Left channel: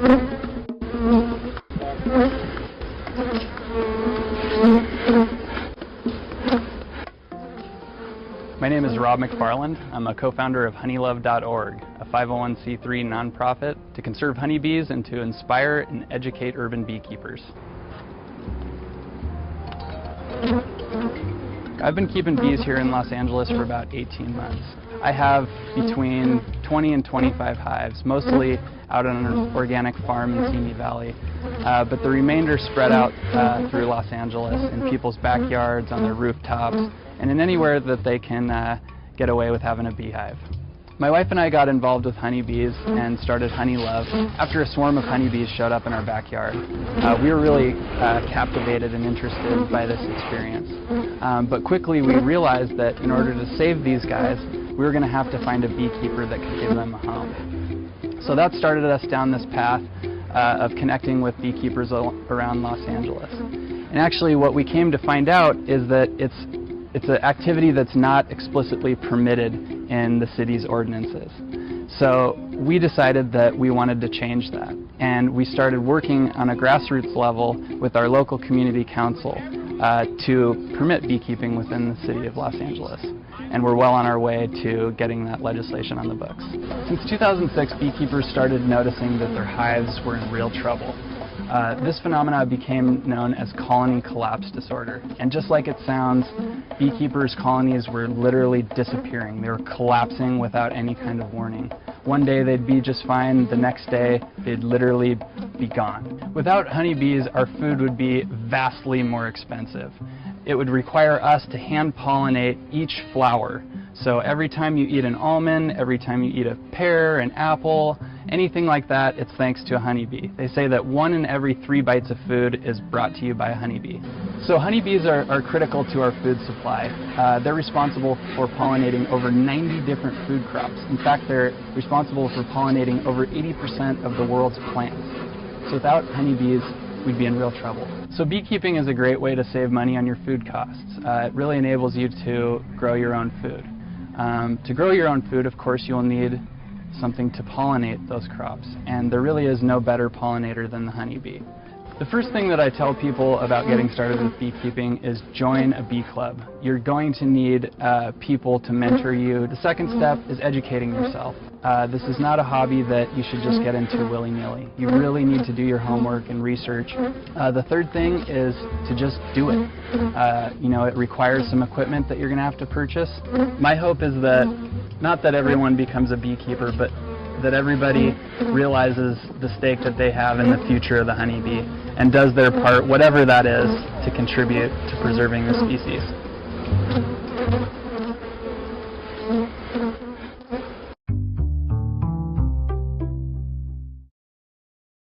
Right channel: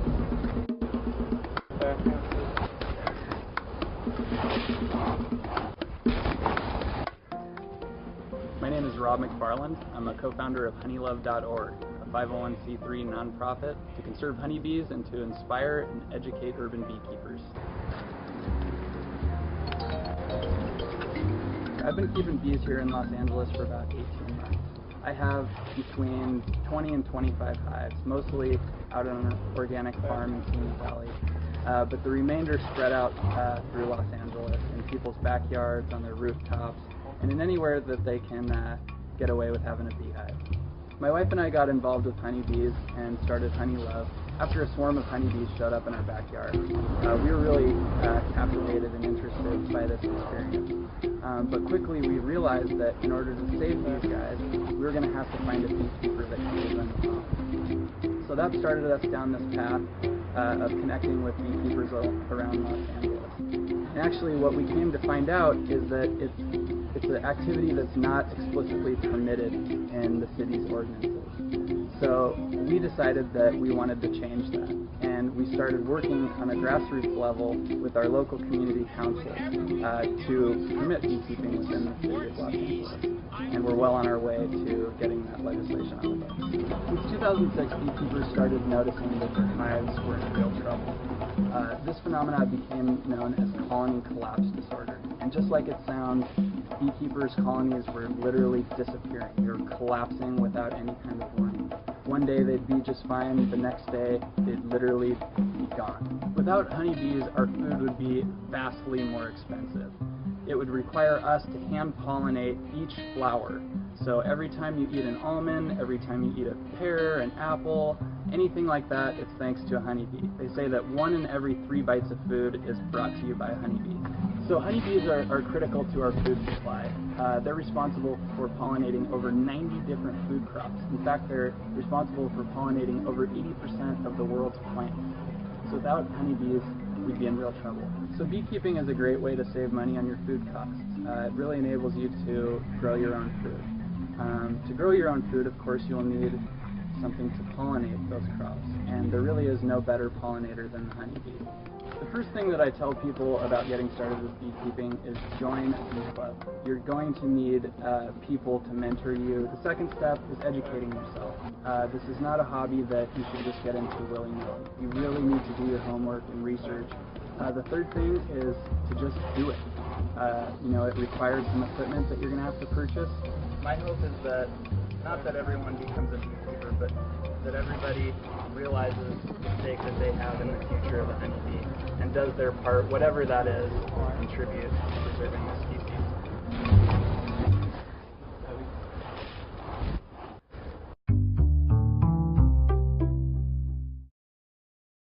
My name is Rob McFarland. I'm a co-founder of honeylove.org, a 501c3 nonprofit to conserve honeybees and to inspire and educate urban beekeepers. I've been keeping bees here in Los Angeles for about 18 months. I have between 20 and 25 hives, mostly out on an organic farm in Simi Valley, but the remainder spread out through Los Angeles in people's backyards, on their rooftops, and in anywhere that they can get away with having a beehive. My wife and I got involved with honeybees and started Honey Love after a swarm of honeybees showed up in our backyard. We were really captivated and interested by this experience. But quickly we realized that in order to save these guys, we were going to have to find a beekeeper that could give them a home. So that started us down this path of connecting with beekeepers around Los Angeles. And actually what we came to find out is that it's an activity that's not explicitly permitted in the city's ordinances. So we decided that we wanted to change that. And we started working on a grassroots level with our local community council to permit beekeeping within the city of Los Angeles. And we're well on our way to getting that legislation on the books. Since 2006, beekeepers started noticing that their hives were in real trouble. This phenomenon became known as colony collapse disorder. And just like it sounds, beekeepers' colonies were literally disappearing. They were collapsing without any kind of warning. One day they'd be just fine, the next day they'd literally be gone. Without honeybees, our food would be vastly more expensive. It would require us to hand pollinate each flower. So every time you eat an almond, every time you eat a pear, an apple, anything like that, it's thanks to a honeybee. They say that 1 in every 3 bites of food is brought to you by a honeybee. So honeybees are critical to our food supply. They're responsible for pollinating over 90 different food crops. In fact, they're responsible for pollinating over 80% of the world's plants. So without honeybees, we'd be in real trouble. So beekeeping is a great way to save money on your food costs. It really enables you to grow your own food. To grow your own food, of course, you'll need something to pollinate those crops, and there really is no better pollinator than the honeybee. The first thing that I tell people about getting started with beekeeping is join a bee club. You're going to need people to mentor you. The second step is educating yourself. This is not a hobby that you should just get into willy-nilly. You really need to do your homework and research. The third thing is to just do it. It requires some equipment that you're going to have to purchase. My hope is that not that everyone becomes a beekeeper, but that everybody realizes the stake that they have in the future of the honeybee and does their part, whatever that is, to contribute to preserving the species.